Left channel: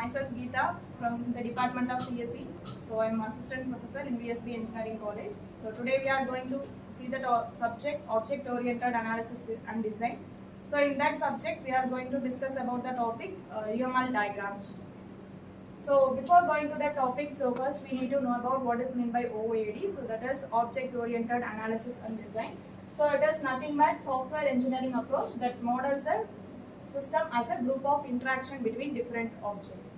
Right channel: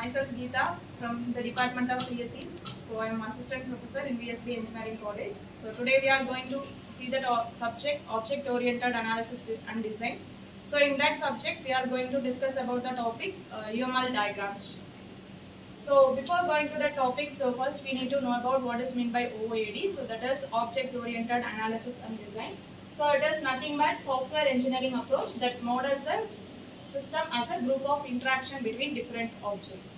myself Geeta from the Department of CSE. So I am Assistant Professor in Biomedical Engineering College. So today we are going to see the subject Object Oriented Analysis and Design. So in that subject we are going to discuss about the topic UML diagrams. So before going to the topic, so first we need to know about what is meant by OOAD. So that is Object Oriented Analysis and Design. So it is nothing but software engineering approach that models a system as a group of interaction between different objects.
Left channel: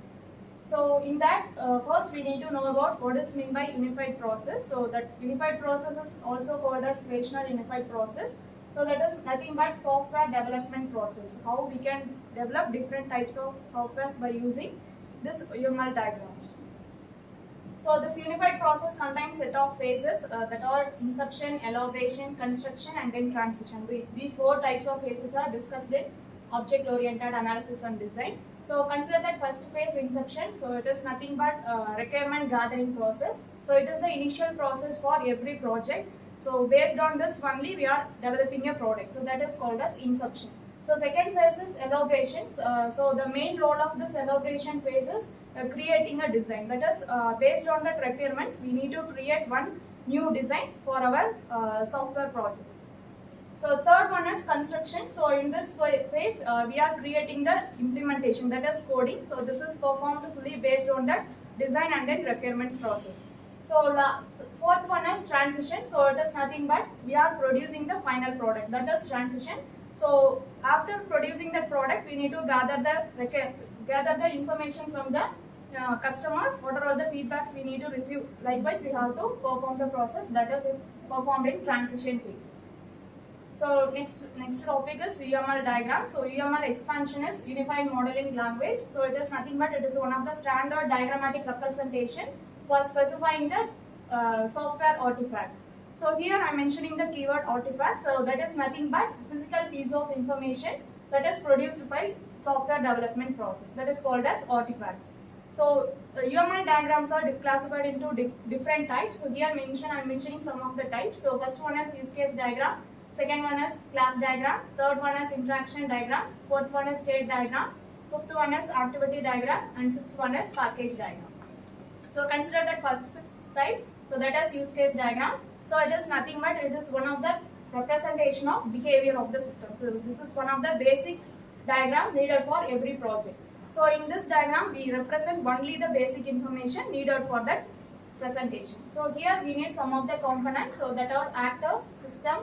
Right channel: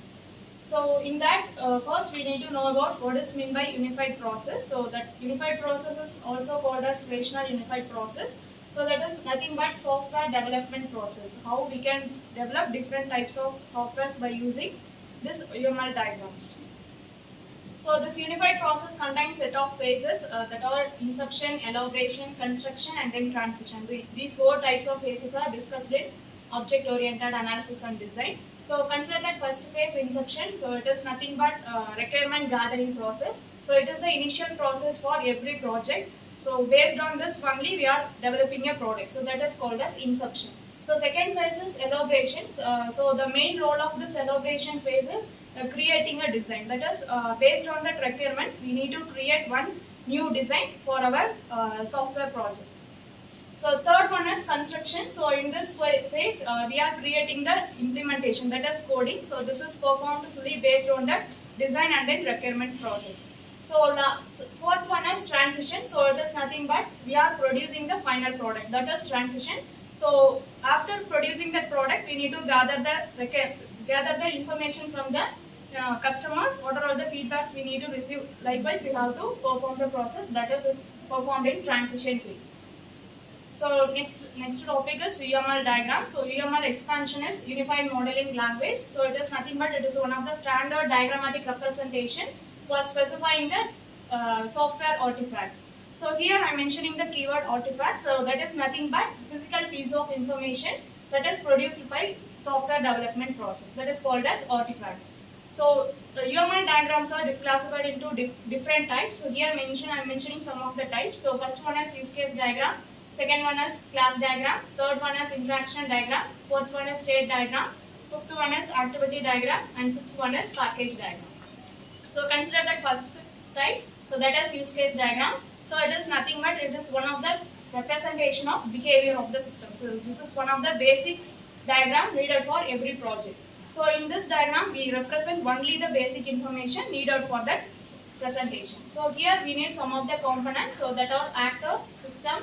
So in that, first we need to know about what is meant by unified process. So that unified process is also called as rational unified process. So that is nothing but software development process. How we can develop different types of softwares by using this UML diagrams. So this unified process contains set of phases that are inception, elaboration, construction and then transition. These four types of phases are discussed in object-oriented analysis and design. So consider that first phase, inception. So it is nothing but requirement gathering process. So it is the initial process for every project. So based on this only we are developing a product. So that is called as inception. So second phase is elaboration. So the main role of this elaboration phase is creating a design. That is based on the requirements we need to create one new design for our software project. So third one is construction. So in this phase we are creating the implementation, that is coding. So this is performed fully based on the design and then requirements process. So fourth one is transition. So it is nothing but we are producing the final product, that is transition. So after producing that product we need to gather the information from the customers, what are all the feedbacks we need to receive. Likewise we have to perform the process, that is performed in transition phase. So next topic is UML diagram. So UML expansion is Unified Modeling Language. So it is nothing but it is one of the standard diagrammatic representation for specifying the software artifacts. So here I am mentioning the keyword artifacts. So that is nothing but physical piece of information that is produced by software development process, that is called as artifacts. So UML diagrams are classified into different types. So here I am mentioning some of the types. So first one is use case diagram. Second one is class diagram, third one is interaction diagram, fourth one is state diagram, fifth one is activity diagram and sixth one is package diagram. So consider that first type, so that is use case diagram. So it is nothing but it is one of the representation of behavior of the system. So this is one of the basic diagram needed for every project. So in this diagram we represent only the basic information needed for that presentation. So here we need some of the components, so that are actors, system,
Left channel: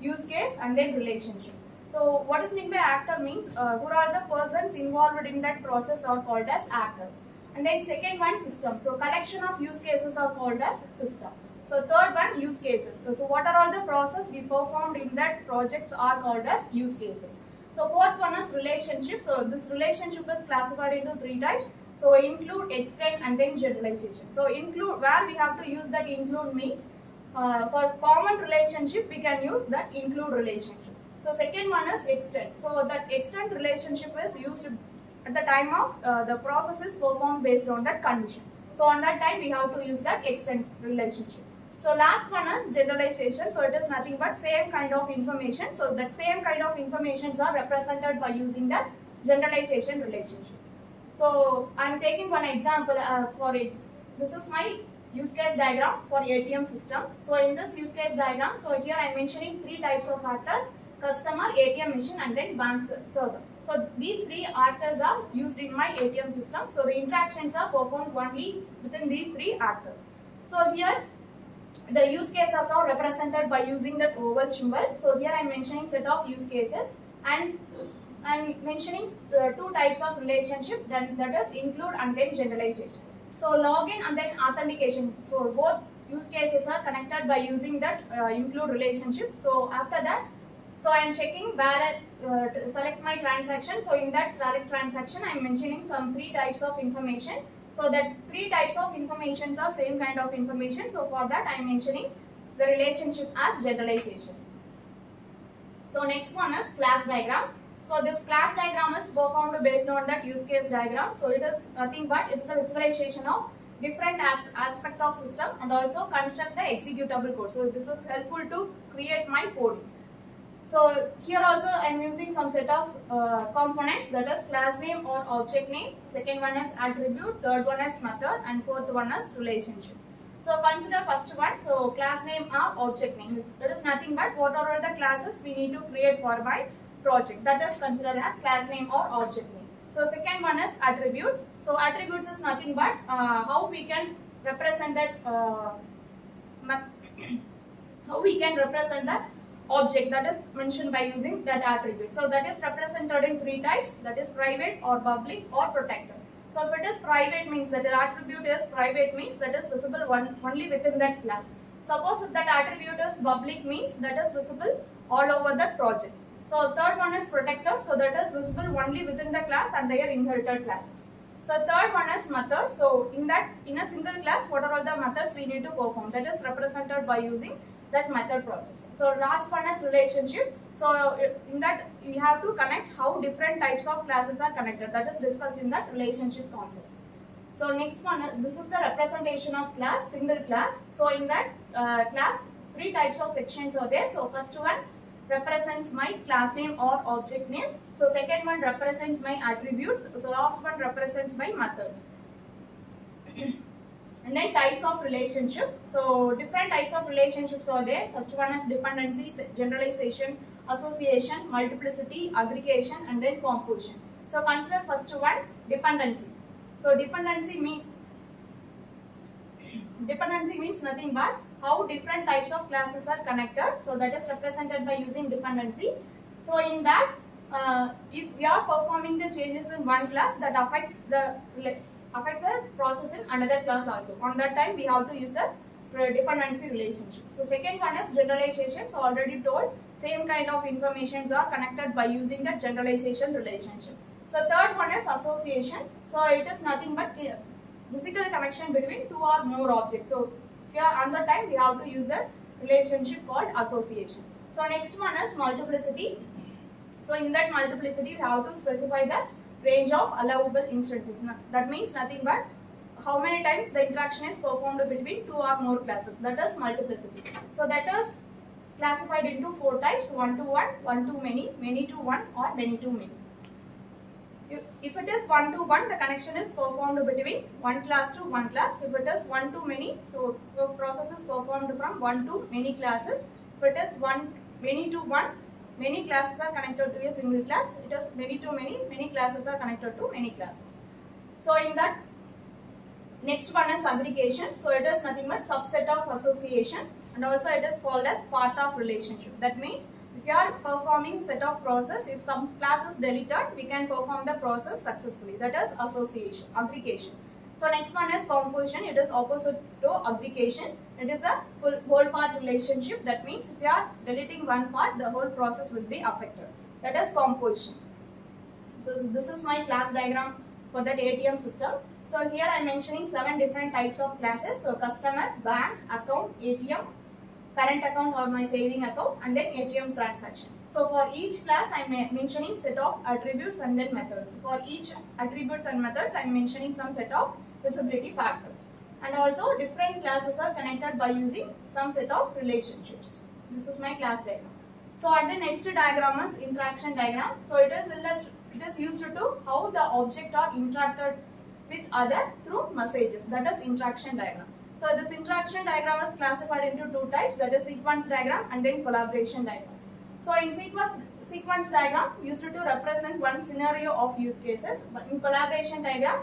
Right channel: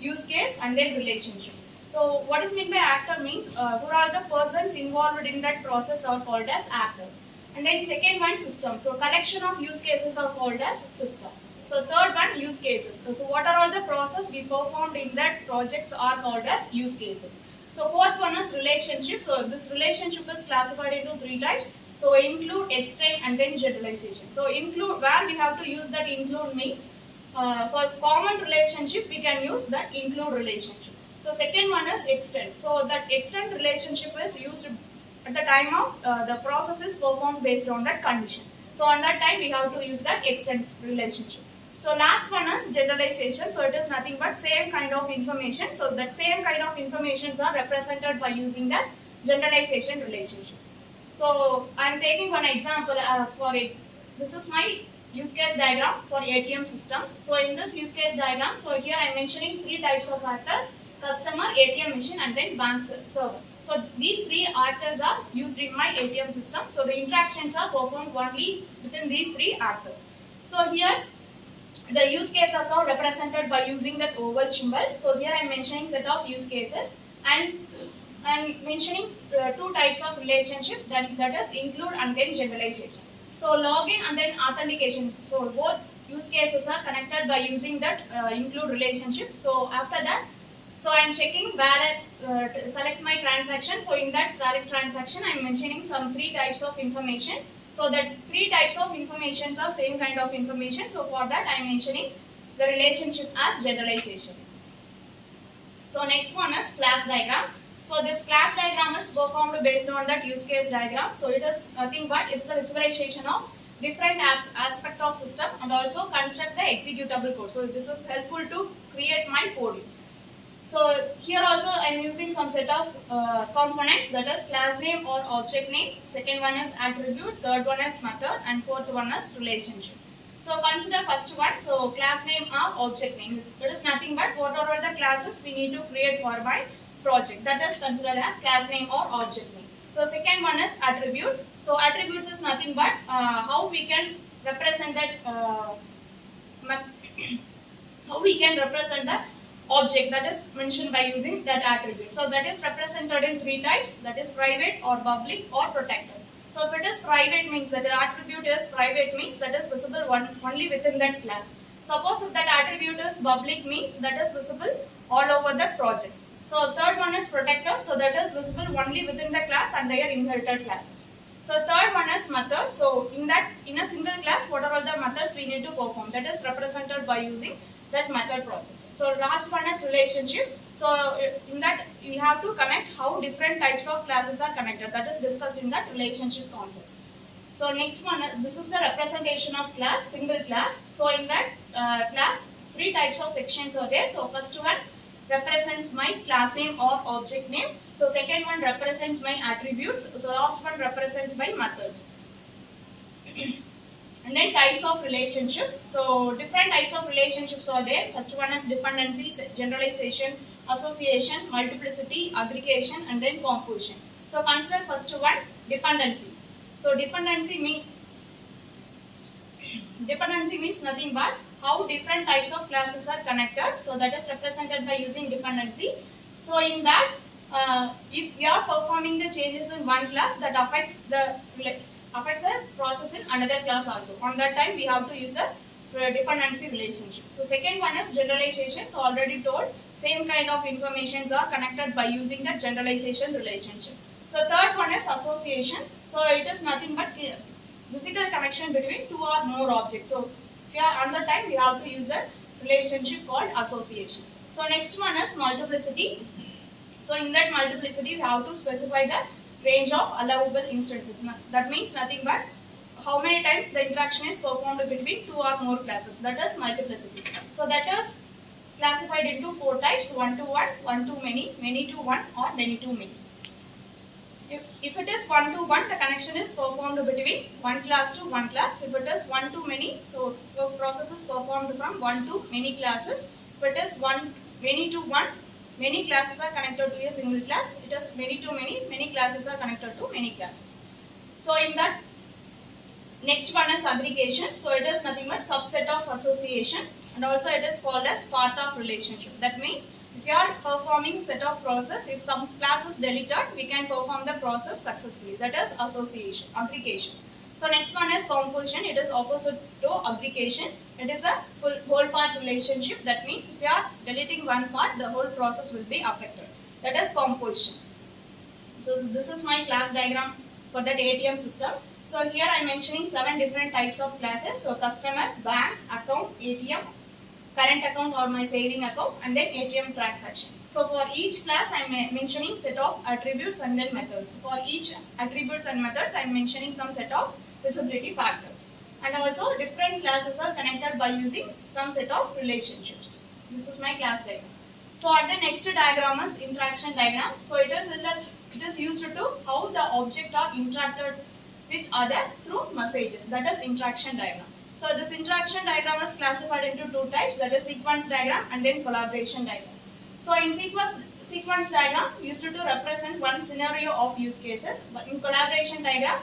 use case and then relationships. So what is meant by actor means who are the persons involved in that process are called as actors. And then second one, system. So collection of use cases are called as system. So third one, use cases. So what are all the process we performed in that project are called as use cases. So fourth one is relationship. So this relationship is classified into three types. So include, extend and then generalization. So include, where we have to use that include means for common relationship we can use that include relationship. So second one is extend. So that extend relationship is used at the time of the process is performed based on that condition. So on that time we have to use that extend relationship. So last one is generalization. So it is nothing but same kind of information. So that same kind of informations are represented by using that generalization relationship. So I am taking one example for it. This is my use case diagram for ATM system. So in this use case diagram, so here I am mentioning three types of actors: customer, ATM machine and then bank server. So these three actors are used in my ATM system. So the interactions are performed only within these three actors. So here the use cases are represented by using the oval symbol. So here I am mentioning set of use cases and I am mentioning two types of relationship, that is include and then generalization. So login and then authentication. So both use cases are connected by using that include relationship. So after that, so I am checking where select my transaction. So in that select transaction, I am mentioning some three types of information. So that three types of informations are same kind of information. So for that I am mentioning the relationship as generalization. So next one is class diagram. So this class diagram is performed based on that use case diagram. So it is nothing but it is a visualization of different aspect of system and also construct the executable code. So this is helpful to create my coding. So here also I am using some set of components, that is class name or object name. Second one is attribute, third one is method, and fourth one is relationship. So consider first one, so class name or object name. That is nothing but what are all the classes we need to create for my project. That is considered as class name or object name. So second one is attributes. So attributes is nothing but how we can represent that how we can represent the object that is mentioned by using that attribute. So that is represented in three types, that is private or public or protected. So if it is private means that the attribute is private means that is visible only within that class. Suppose if that attribute is public means that is visible all over the project. So third one is protected, so that is visible only within the class and their inherited classes. So third one is method. So in a single class, what are all the methods we need to perform? That is represented by using that method process. So last one is relationship. So in that we have to connect how different types of classes are connected. That is discussed in that relationship concept. So next one is, this is the representation of class, single class. So in that class, three types of sections are there. So first one represents my class name or object name. So second one represents my attributes. So last one represents my methods. And then types of relationship. So different types of relationships are there. First one is dependency, generalization, association, multiplicity, aggregation, and then composition. So consider first one, dependency. So dependency means nothing but how different types of classes are connected. So that is represented by using dependency. So in that, if we are performing the changes in one class, that affects the process in another class also. On that time, we have to use the dependency relationship. So second one is generalization. So already told, same kind of informations are connected by using the generalization relationship. So third one is association. So it is nothing but physical connection between two or more objects. So if you are on the time, we have to use the relationship called association. So next one is multiplicity. So in that multiplicity, we have to specify the range of allowable instances. That means nothing but how many times the interaction is performed between two or more classes. That is multiplicity. So that is classified into four types: one to one, one to many to one, or many to many. If it is one to one, the connection is performed between one class to one class. If it is one to many, so the process is performed from one to many classes. If it is many to one, many classes are connected to a single class. It is many to many classes are connected to many classes. So in that, next one is aggregation. So it is nothing but subset of association, and also it is called as path of relationship. That means if you are performing set of process, if some class is deleted, we can perform the process successfully. That is association, aggregation. So next one is composition. It is opposite to aggregation. It is a whole part relationship. That means if you are deleting one part, the whole process will be affected. That is composition. So this is my class diagram for that ATM system. So here I am mentioning 7 different types of classes. So customer, bank, account, ATM, current account or my saving account, and then ATM transaction. So for each class I am mentioning set of attributes and then methods. For each attributes and methods I am mentioning some set of visibility factors. And also different classes are connected by using some set of relationships. This is my class diagram. So at the next diagram is interaction diagram. So it is used to how the object are interacted with other through messages. That is interaction diagram. So this interaction diagram is classified into two types, that is sequence diagram and then collaboration diagram. So in sequence diagram used to represent one scenario of use cases, but in collaboration diagram,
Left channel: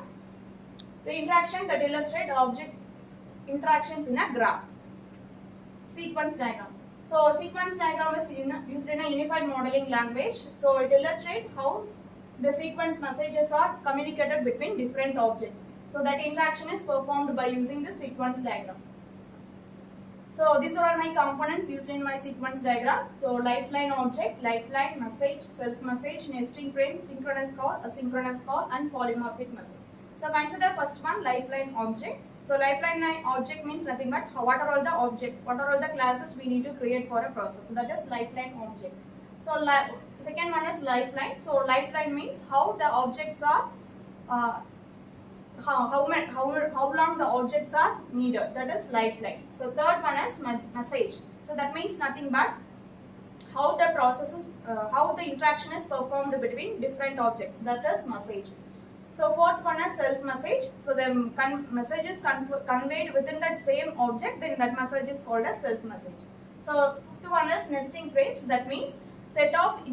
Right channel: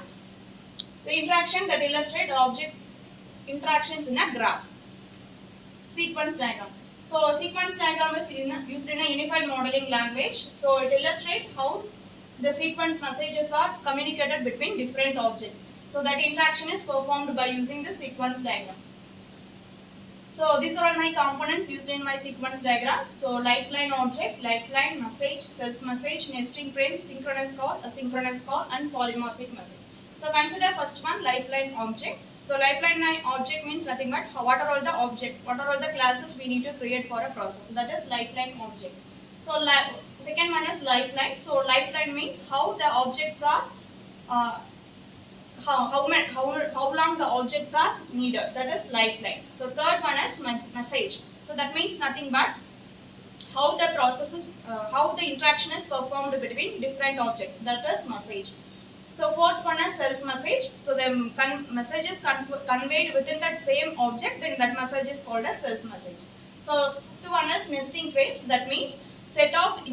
the interaction that illustrate object interactions in a graph. Sequence diagram. So sequence diagram is used in a unified modeling language. So it illustrates how the sequence messages are communicated between different objects. So that interaction is performed by using the sequence diagram. So these are all my components used in my sequence diagram. So lifeline object, lifeline, message, self-message, nesting frame, synchronous call, asynchronous call, and polymorphic message. So consider first one, lifeline object. So lifeline object means nothing but what are all the classes we need to create for a process. That is lifeline object. So second one is lifeline. So lifeline means how the objects are how long the objects are needed. That is lifeline. So third one is message. So that means nothing but how the process is, how the interaction is performed between different objects, that is message. So fourth one is self-message. So the message is conveyed within that same object, then that message is called as self-message. So fifth one is nesting frames. That means set of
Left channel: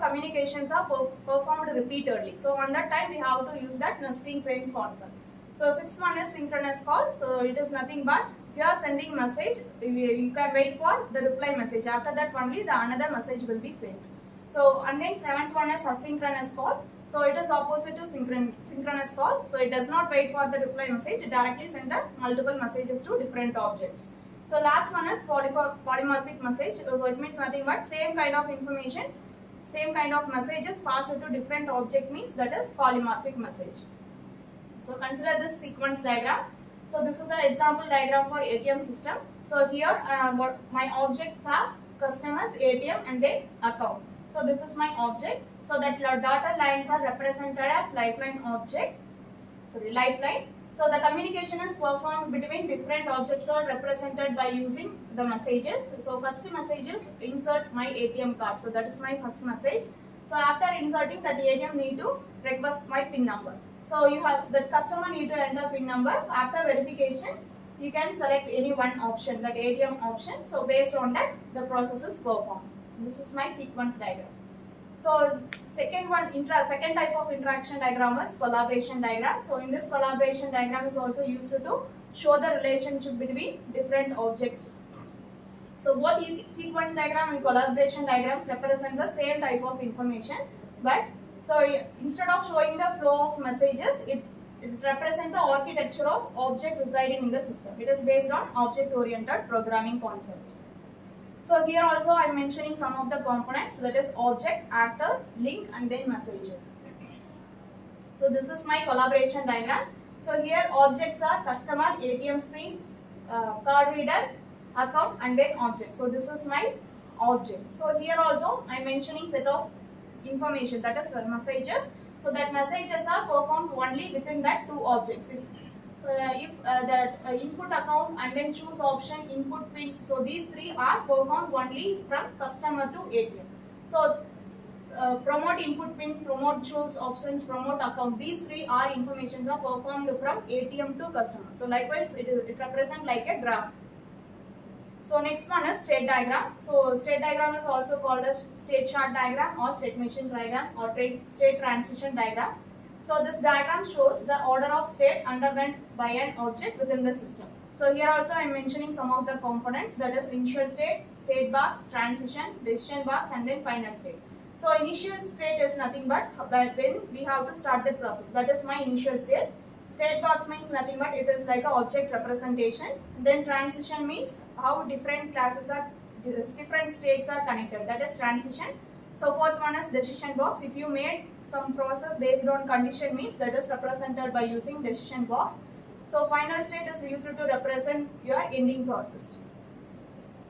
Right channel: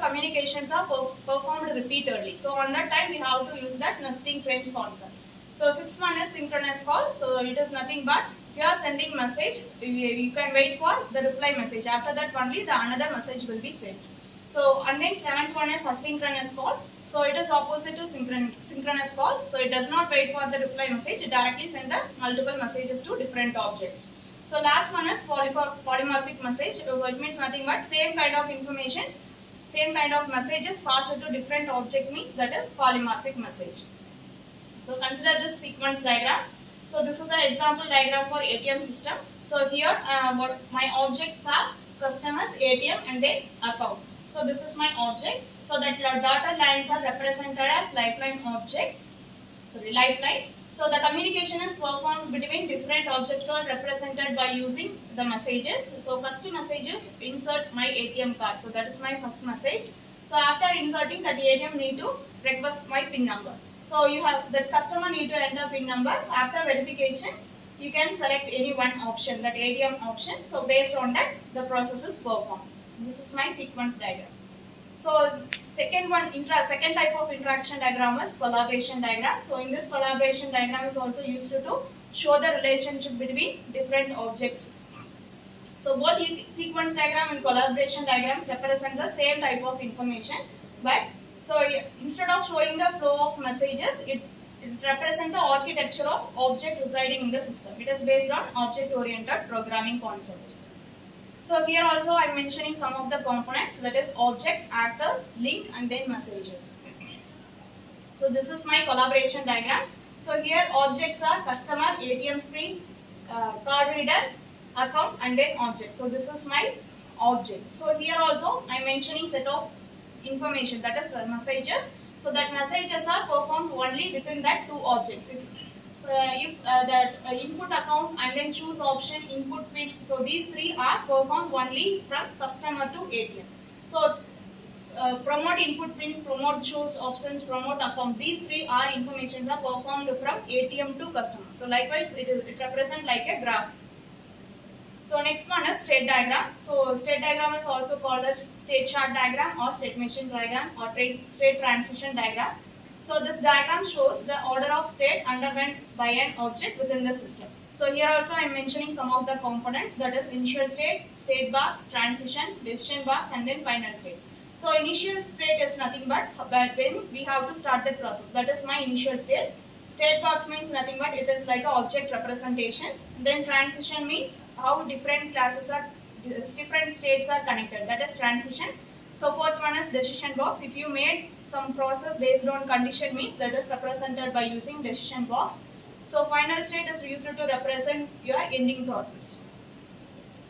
communications are performed repeatedly. So on that time we have to use that nesting frames concept. So sixth one is synchronous call. So it is nothing but if you are sending message, you can wait for the reply message. After that only the another message will be sent. So and then seventh one is asynchronous call. So it is opposite to synchronous call. So it does not wait for the reply message. It directly send the multiple messages to different objects. So last one is polymorphic message. So it means nothing but same kind of information, same kind of messages passed to different object means that is polymorphic message. So consider this sequence diagram. So this is the example diagram for ATM system. So here what my objects are customers, ATM and then account. So this is my object. So that dotted lines are represented as lifeline object. Lifeline. So the communication is performed between different objects are represented by using the messages. So first message is insert my ATM card. So that is my first message. So after inserting that ATM need to request my PIN number. So you have the customer need to enter PIN number. After verification, you can select any one option, that ATM option. So based on that, the process is performed. This is my sequence diagram. So second type of interaction diagram is collaboration diagram. So in this collaboration diagram is also used to show the relationship between different objects. So both sequence diagram and collaboration diagrams represents the same type of information, but so instead of showing the flow of messages, it represents the architecture of object residing in the system. It is based on object-oriented programming concept. So here also I am mentioning some of the components, that is object, actors, link and then messages. So this is my collaboration diagram. So here objects are customer, ATM screens, card reader, account and then object. So this is my object. So here also I am mentioning set of information, that is messages. So that messages are performed only within that two objects. If that input account and then choose option, input PIN, so these three are performed only from customer to ATM. So promote input PIN, promote choose options, promote account, these three are informations are performed from ATM to customer. So likewise it represents like a graph. So next one is state diagram. So state diagram is also called as state chart diagram or state machine diagram or state transition diagram. So this diagram shows the order of state underwent by an object within the system. So here also I am mentioning some of the components, that is initial state, state box, transition, decision box and then final state. So initial state is nothing but when we have to start the process, that is my initial state. State box means nothing but it is like an object representation. Then transition means how different different states are connected, that is transition. So fourth one is decision box. If you made some process based on condition means that is represented by using decision box. So final state is used to represent your ending process.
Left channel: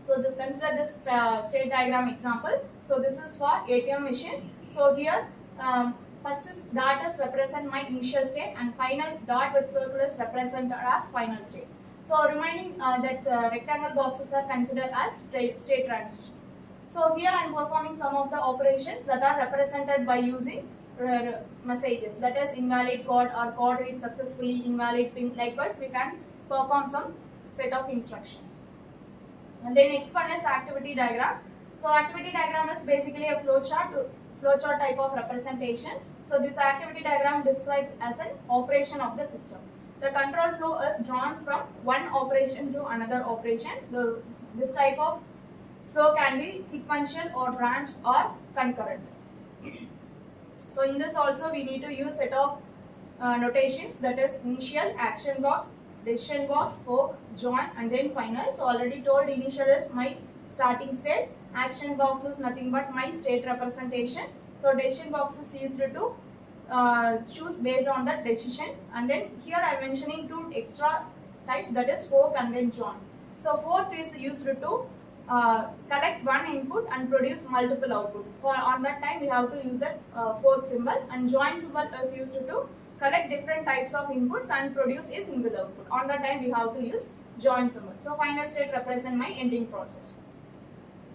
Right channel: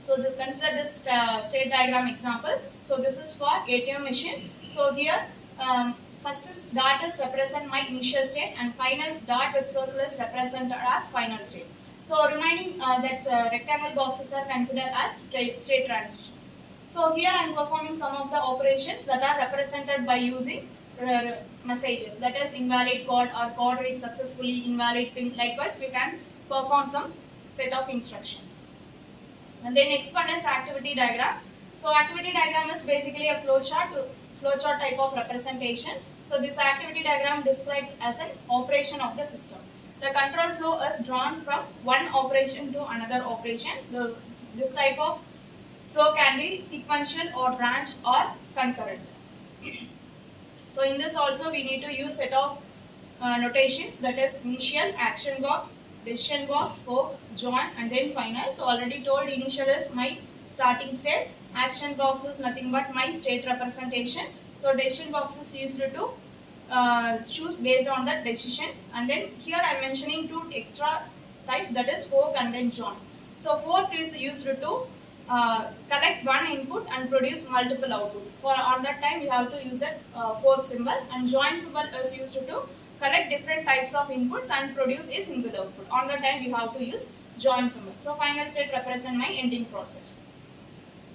So consider this state diagram example. So this is for ATM machine. So here first is dot is represent my initial state and final dot with circle is represented as final state. So remaining that rectangle boxes are considered as state transition. So here I am performing some of the operations that are represented by using messages, that is invalid code or code read successfully, invalid PIN. Likewise we can perform some set of instructions. And then next one is activity diagram. So activity diagram is basically a flowchart type of representation. So this activity diagram describes as an operation of the system. The control flow is drawn from one operation to another operation. This type of flow can be sequential or branch or concurrent. So in this also we need to use set of notations, that is initial, action box, decision box, fork, join and then final. So already told initial is my starting state, action box is nothing but my state representation. So decision box is used to choose based on that decision, and then here I am mentioning two extra types, that is fork and then join. So fork is used to collect one input and produce multiple output. For on that time we have to use that fork symbol, and join symbol is used to collect different types of inputs and produce a single output. On that time we have to use join symbol. So final state represent my ending process.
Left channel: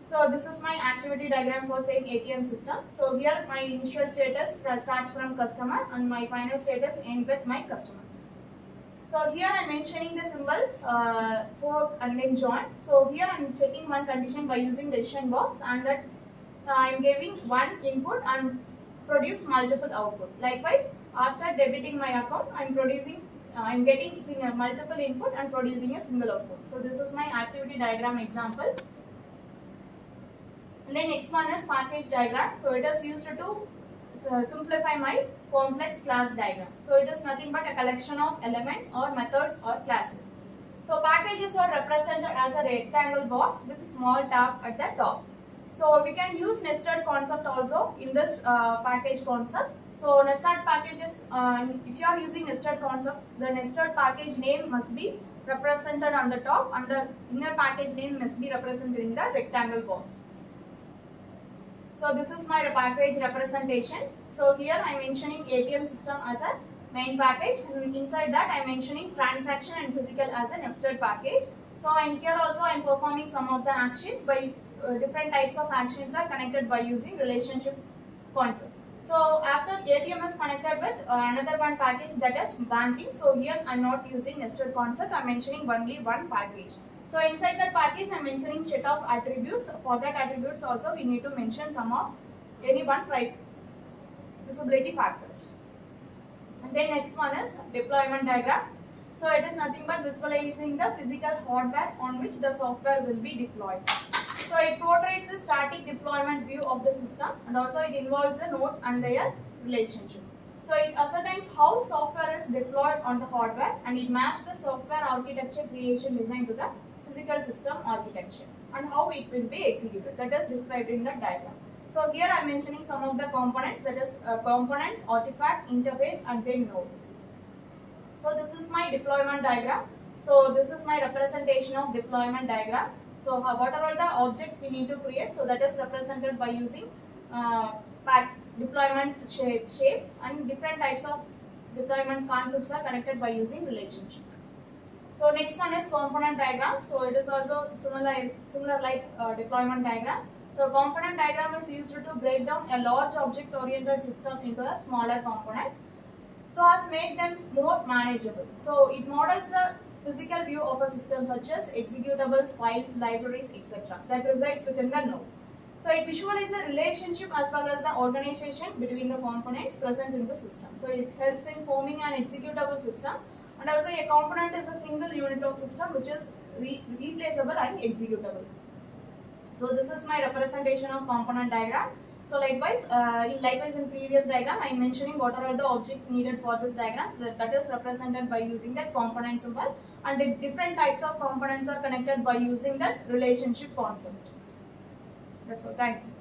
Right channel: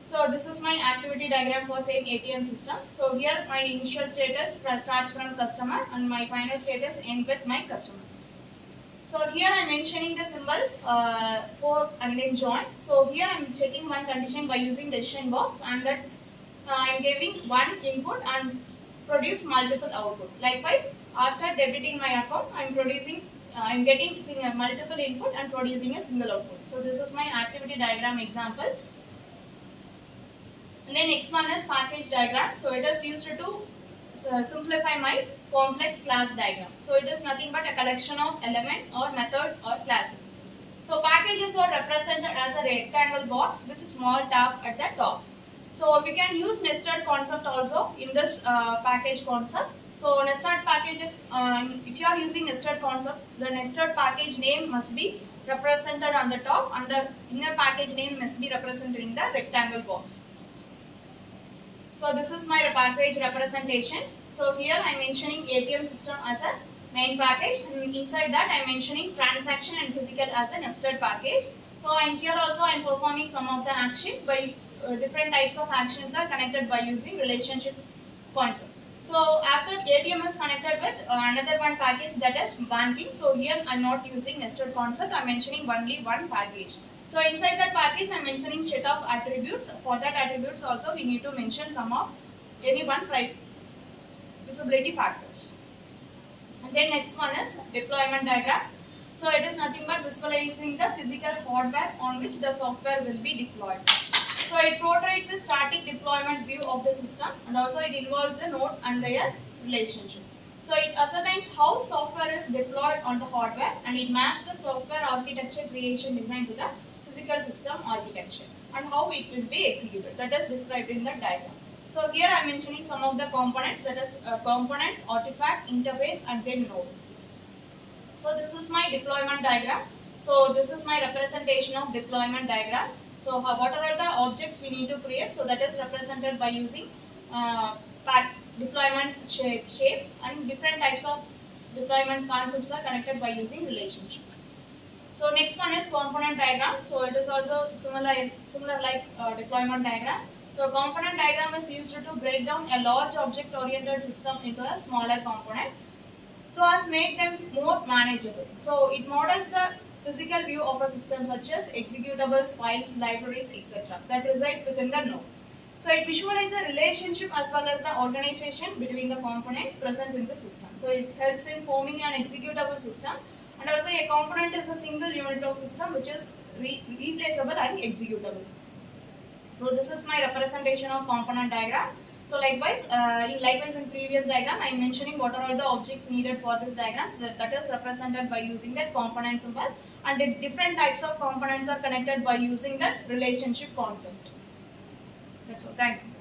So this is my activity diagram for same ATM system. So here my initial status starts from customer and my final status ends with my customer. So here I am mentioning the symbol for and then join. So here I am checking one condition by using decision box, and that I am giving one input and produce multiple output. Likewise, after debiting my account, I am getting multiple input and producing a single output. So this is my activity diagram example. And then next one is package diagram. So it is used to simplify my complex class diagram. So it is nothing but a collection of elements or methods or classes. So packages are represented as a rectangle box with a small tab at the top. So we can use nested concept also in this package concept. So nested packages, if you are using nested concept, the nested package name must be represented on the top and the inner package name must be represented in the rectangle box. So this is my package representation. So here I am mentioning ATM system as a main package, and inside that I am mentioning transaction and physical as a nested package. So and here also I am performing some of the actions by different types of actions are connected by using relationship concept. So after ATM is connected with another one package, that is banking. So here I am not using nested concept, I am mentioning only one package. So inside that package I am mentioning set of attributes. For that attributes also we need to mention some of any one visibility factors. And then next one is deployment diagram. So it is nothing but visualizing the physical hardware on which the software will be deployed. So it portrays a static deployment view of the system, and also it involves the nodes and their relationship. So it ascertains how software is deployed on the hardware, and it maps the software architecture creation design to the physical system architecture and how it will be executed. That is described in the diagram. So here I am mentioning some of the components, that is component, artifact, interface and then node. So this is my deployment diagram. So this is my representation of deployment diagram. So what are all the objects we need to create? So that is represented by using deployment shape, and different types of deployment concepts are connected by using relationship. So next one is component diagram. So it is also similar like deployment diagram. So component diagram is used to break down a large object oriented system into a smaller component, so as make them more manageable. So it models the physical view of a system such as executables, files, libraries, etc. that resides within the node. So it visualizes the relationship as well as the organization between the components present in the system. So it helps in forming an executable system, and also a component is a single unit of system which is replaceable and executable. So this is my representation of component diagram. So likewise in previous diagram I am mentioning what are all the objects needed for this diagram. So that is represented by using that component symbol, and the different types of components are connected by using that relationship concept. That's all. Thank you.